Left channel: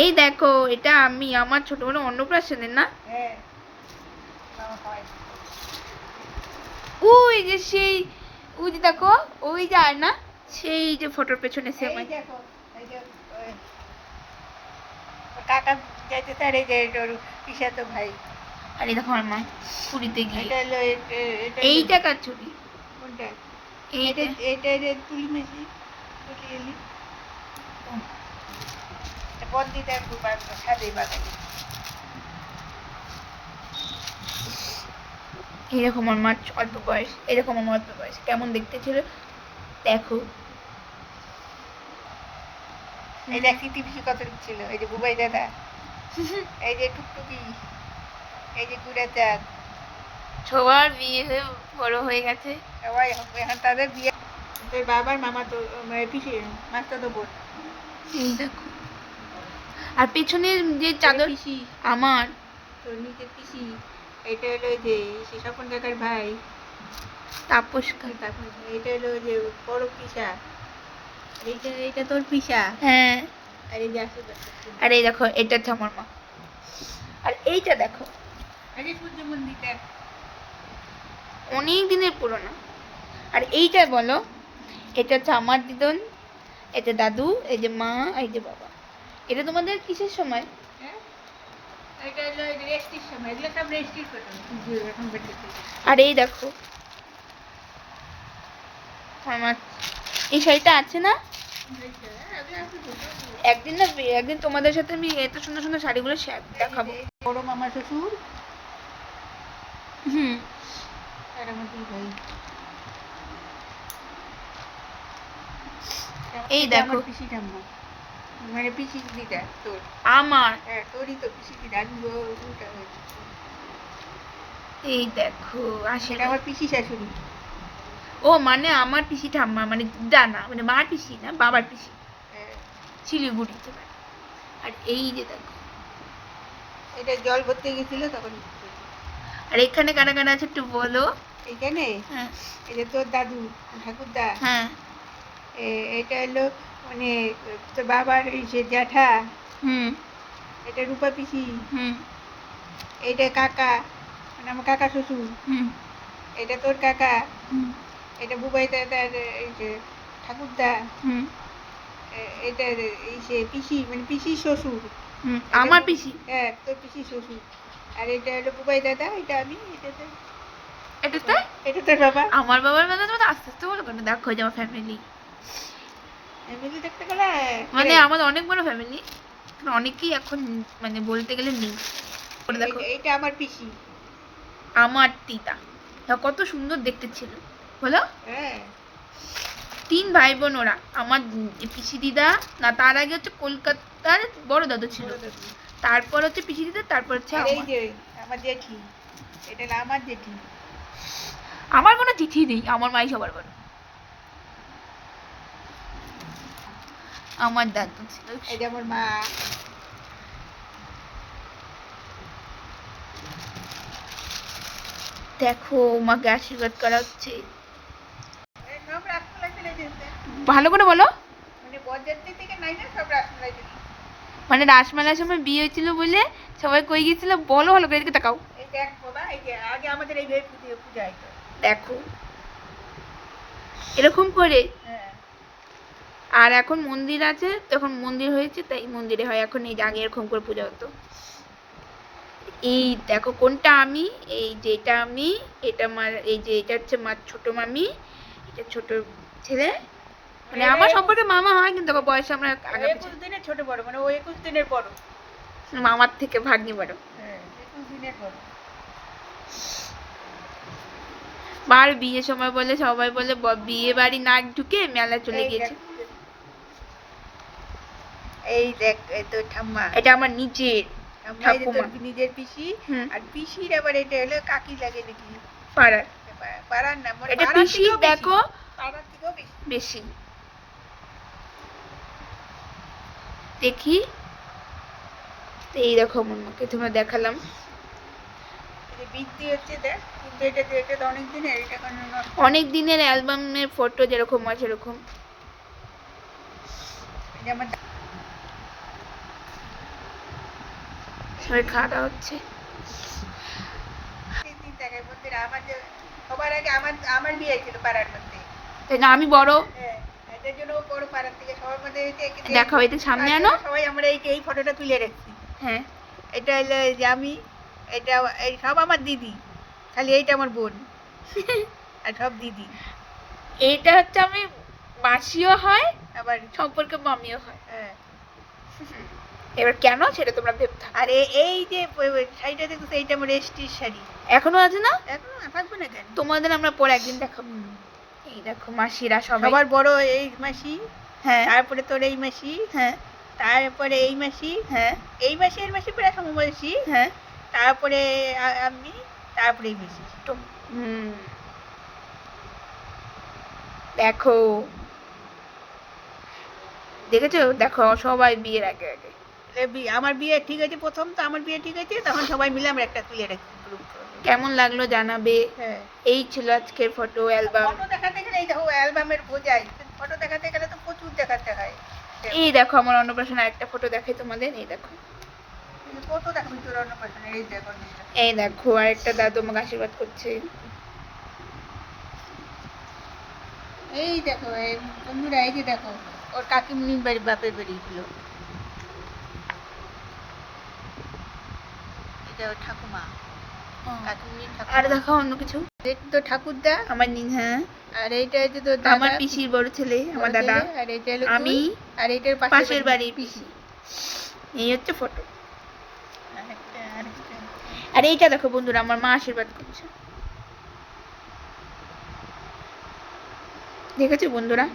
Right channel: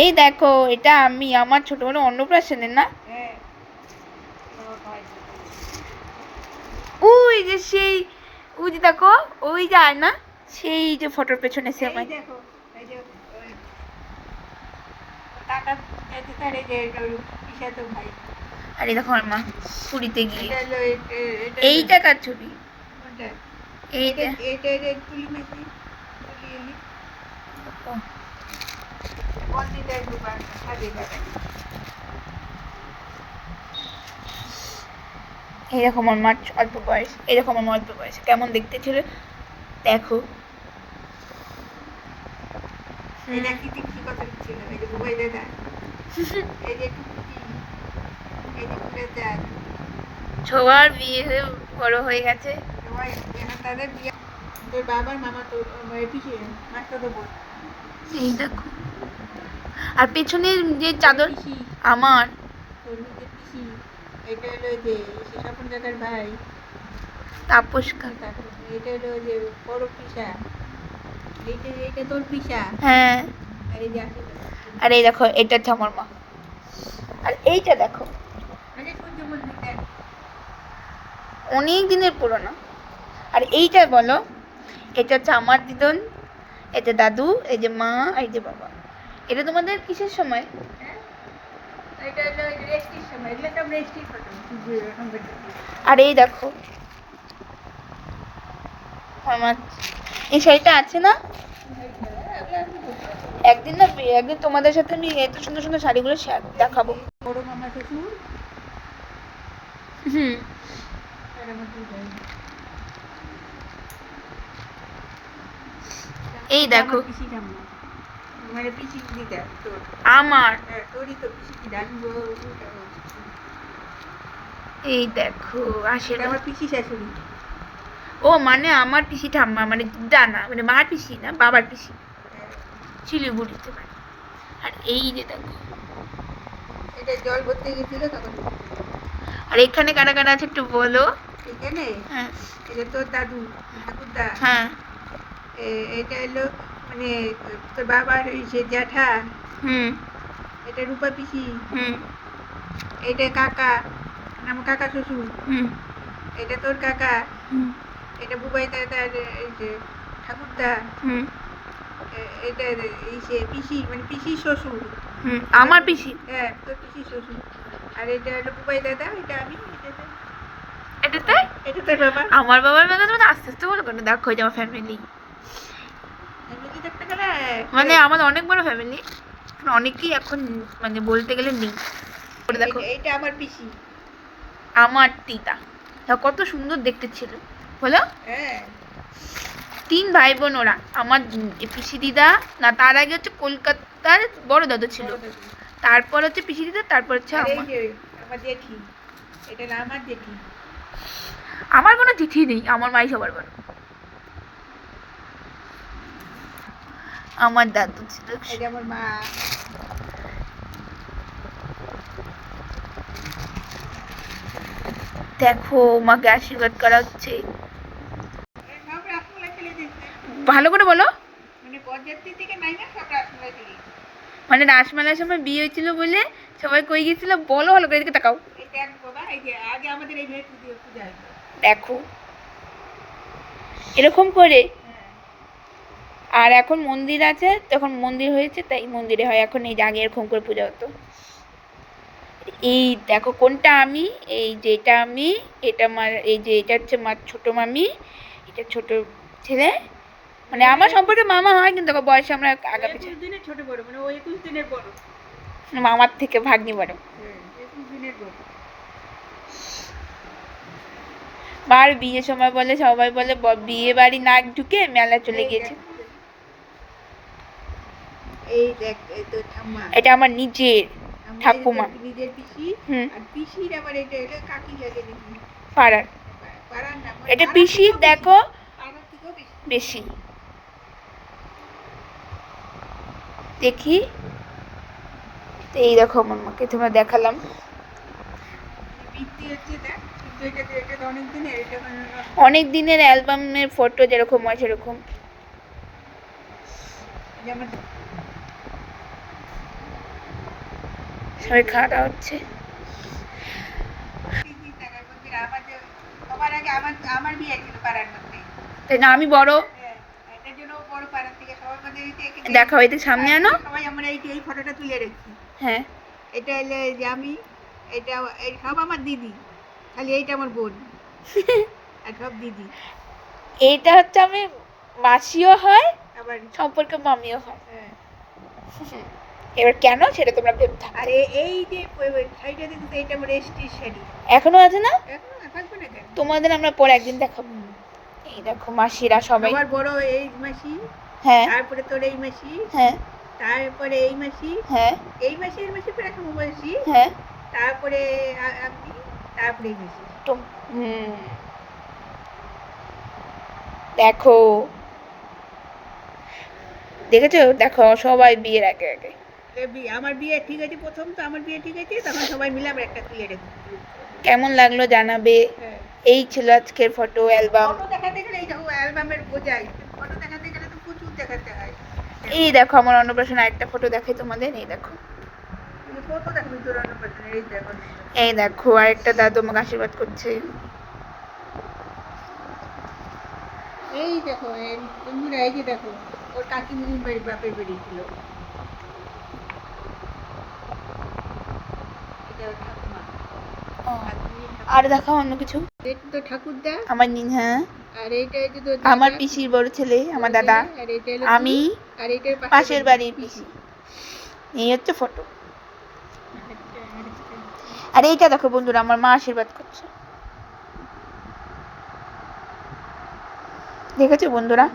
এই দেখো এটা আমি আমার ছোটবেলা অন্নপ্রাশনের না, ওই যে সেই ওই যে দেখো ওই যে আর না সেই যে ফটোর পেছনে সে আমার দেখো এই যে কাকা যাইতে তারে যে পিসাতো ভাই। আরে দেখো আমার মা পুরীতে গিয়ে এইটা কার ছবি? কোনটা? এইটা এটা তুলি মেশি তুলি এলি বন্দিটা সাদে বানাই। এইরকম আমার মার অল্প বয়স, এরকম আমার অল্প বয়স কেমন দেখতে ছিল দেখো। এই দেখ টিপি কত ছিল, এই যে বুবাই দাদা, এই যে টুকটুকি, এই যে কুড়াচা, সবার বিয়ে হয়ে বড় হয়ে গেছে সবাই এখন তাদের বিয়ে। তোর বাবার মামা তো পিসি মাস্টার তো বোন। এই দেখো আর পেছনে যে চাদর পিসি আমার তোর নিজের পিসি, এটা হলো যে সে স্বপন কাকার ভাই তাপস কা এটা হলো যে বড় পিসা, এইটা তোর পিসা। হ্যাঁ আর এই দেখ আর এই দেখো এটা হচ্ছে আমার মা, আর এইটা দেখো আরে সূর্য মন্দিরটা অনেক দিনের পুরনো। আর এইটা বলো, এটা হচ্ছে আমার দিদন, এটা দাদু, এই যে মা, এই যে বাবা। এটা তোমাদের কিসের সময়? এটা হলো রেস্টির সময়, এগুলো সব রেস্টির ফটো এখন দেখতেছি। আর এই দেখো আমার এই শাড়িটা আছে না, একদিন না একদিন তোমাদের সাথে আমি এত সুন্দর সুন্দর শাড়িগুলো দেখাবো। বড় মামা শ্বশুর, হুম এই দেখো পিসি ঠাম্মা, মানে পিসি দিদা তোর, আমার হ্যাঁ তোরই তো পিসি দিদা। এই দেখো সেটা আমার পিসি শাশুড়ি। ও মানে আমার পিসি ঠাম্মা মানে দানা মানে মার পিসি না বাবার পিসি, শিলিগুড়িতে মানে। আর এই যে দেখো এটা জল ভরতে গেছিল তখন। আর এখানে কারা কারা আছে একটু বলো। এখানে হ্যাঁ এটা তোর দাদু ঠাকুরদা, হ্যাঁ এটা হলো মানে তোর বাবার ওই সে জ্যাঠা, হুম এটা রূপা পিসি, হুম এটা কাকা মানে আমার কাকা শ্বশুর, হুম এটা তোর কাকা, হুম এটা বুবাই দাদার এই যে ঠাকুরদা, হুম এটা এই সে পিসি মানে পিসি শ্বশুর, হুম আমার পিসি, হ্যাঁ তোর পিসি শ্বশুর। আর এটা হলো বুবাই দাদা, এটা আমি, এটাতে এটা তোর বাবা। আমার বাবার মেলা মানে আস্তে আস্তে বলো কেন, দেখো যে আমার ফ্যামিলি ফ্যামিলি দেখতে গেলে মানে আমাদের অনেক বড় ফ্যামিলি, অনেকেই এখন মানে বলতে গেলে নেই। দেখো এইটা আমার পিসি, আমার দিদা কত সুন্দর দেখতে ছিল বলো। হ্যাঁ 3 ভাই বোন ওরা, আমার পিসি দিদা না তার আগে হচ্ছে কলকাতার বড় দাদু ছিল, তারপর হচ্ছে পিসি দিদা, তারপর হচ্ছে এই যে আমার জেঠি, এটা হলো আমার জেঠি। আমার কোনো চিঠি নেই, আমার মাই সবার বড়। আমার দাদু ছিল, এই যে আমার মা, দেখো মাকে আশীর্বাদ করা হচ্ছে, ভালো করে বলো। মানে বরযাত্রী থেকে নাইমে সব রাসমেলাই ফেলে, মানে রাসমেলার সময় বিয়ে হয়েছিল বলে সবাই কই গেছিল বলো, ভালো করে এদিকে তাকাও। এই দেখ বাবা, এই যে আগে আমাদের এই ঘরে পূজা হয়, দেখো এরকম করে। হ্যাঁ আর এখন মন্দির আছে, তখন মন্দির হয়েছে তাই মন্দিরে হয়, এখন এই যে আগে এরকম করে পূজা হতো। এই দেখো কোনটা আমি, এই যে এটা আমি, এটা আমার, এই যে এটা হচ্ছে মার ছোট মামি, এটা ছোট ছেলে, মানে আমার সম্পর্কে মামা হয় কিন্তু বয়সে আমরা আগা পিছু, 21 দিনের ছোট বড়, মানে ও 21 দিনের বড়, মামার থেকে ভাগ্নি বড়। হ্যাঁ 21 দিনের বড়। মার বিয়ের সময় বলে সবাই বলে বিয়ে বাড়ি না ঢুকে মেলা চলে গিয়েছে। এই দেখ এই তো ঠাম্মা, এটা আমার নিজের ঠাকুমা, নিজের পিসি। আর পিসির আবার এটা হলো কাকি লাগে নাকি পাড়ার, পাড়ার না, এটা পিসি দেখো পাড়ার থেকেও বেশি। দেখি এই দেখো আমার মাকে তোমরা দেখালাম, বৃত্তি হচ্ছে দেখ, কিন্তু এটা অনেক দিনের, এটা অনেক দিনের অ্যালবামের ফটো যেরকম হয় সেরকম। যেমন ওই খাওয়া হচ্ছে। তিন টাকায় বন্ধুরা আমার যে সবার আগে আমার বিয়ে ছিল পাড়ার মধ্যে। তাই না, আমি বড়। হ্যাঁ, এটার জন্য বড় পাড়ার থেকে সবার মধ্যে দেখাও, এই সামনে আনো। সবাই আমরা এই ফটোটা তুলে রাখছি। হ্যাঁ, এটা হলো যে আমি, এটা এই সব আমার দিদি, খালি এইটা আমার বোন আর সব দিদি। এইটা হচ্ছে আমি মাসিও হয়, আবার সম্পর্কে মামিও হয়। হ্যাঁ। এবার কেন সেটা তোমরা ভেবে থাকো। আর এই যে শাড়িটা দেখো, এইটা আমার এসটির শাড়ি। এখনো আছে না? এখন থাকবে না কেন? তোমাদের আমরা পরে একদিন দেখাবো। এই দেখো মাসিরা সবাই। সবার বড় এই মাসি, হ্যাঁ তারপরে তোর এই মাসি, হ্যাঁ তারপরে এই মাসি, হ্যাঁ এই মাসি এর মাসি প্রায় সমবয়সী, হ্যাঁ। তারপরে আমি, তারপরে এই মাসি। হুম, দেখো দেখেছো, দেখো সবাই বিয়ের আগে আগে। আমার বিয়ে ঠিক আছে, প্রথম তো আমার বিয়ে ঠিক আছে, তখন সবাই মিলে আমরা একটা তুলে রেখে। কেমন লাগলো জানাবে। হ্যাঁ, এই ছিল আজকের ফটো অ্যালবাম। ফটো দেখাতে গেলে এই দেখো অ্যালবামের বোঝাই, ফটো দেখাতে গেলে তো প্রচুর দেখাতে হয়। এই দেখো আমার অন্নপ্রাশন আরেকটা ফটো দেখাই তোমাদের। এই দেখো, ফটো দেখাবি তোর অন্নপ্রাশনের, এই দেখো। এই দেখো আরেকটা দাদু আমাকে আশীর্বাদ করছে। এই দেখো বন্ধুরা, এই যে দেখো ওর কাকিমুনির বাড়ি বাপের বেরিয়েছিল, এটা ওর ঠাকুমা, কাকিমুনির ঠাকুমা। আর দেখাও অন্য কিছু। এটা তো ঠাকুরদা, আমার হ্যাঁ, আর এইটা হচ্ছে তোর আমার দাদা, পিসির বড় ছেলে আমার দাদা, আর এইটা হলো আমি, তুই, আর এইটার পাশের বাড়ির পিসি। এই হচ্ছে ফটো। আর এইটা দেখো বন্ধুরা, আমার মা আশীর্বাদ করছে। দেখেছো বন্ধুরা?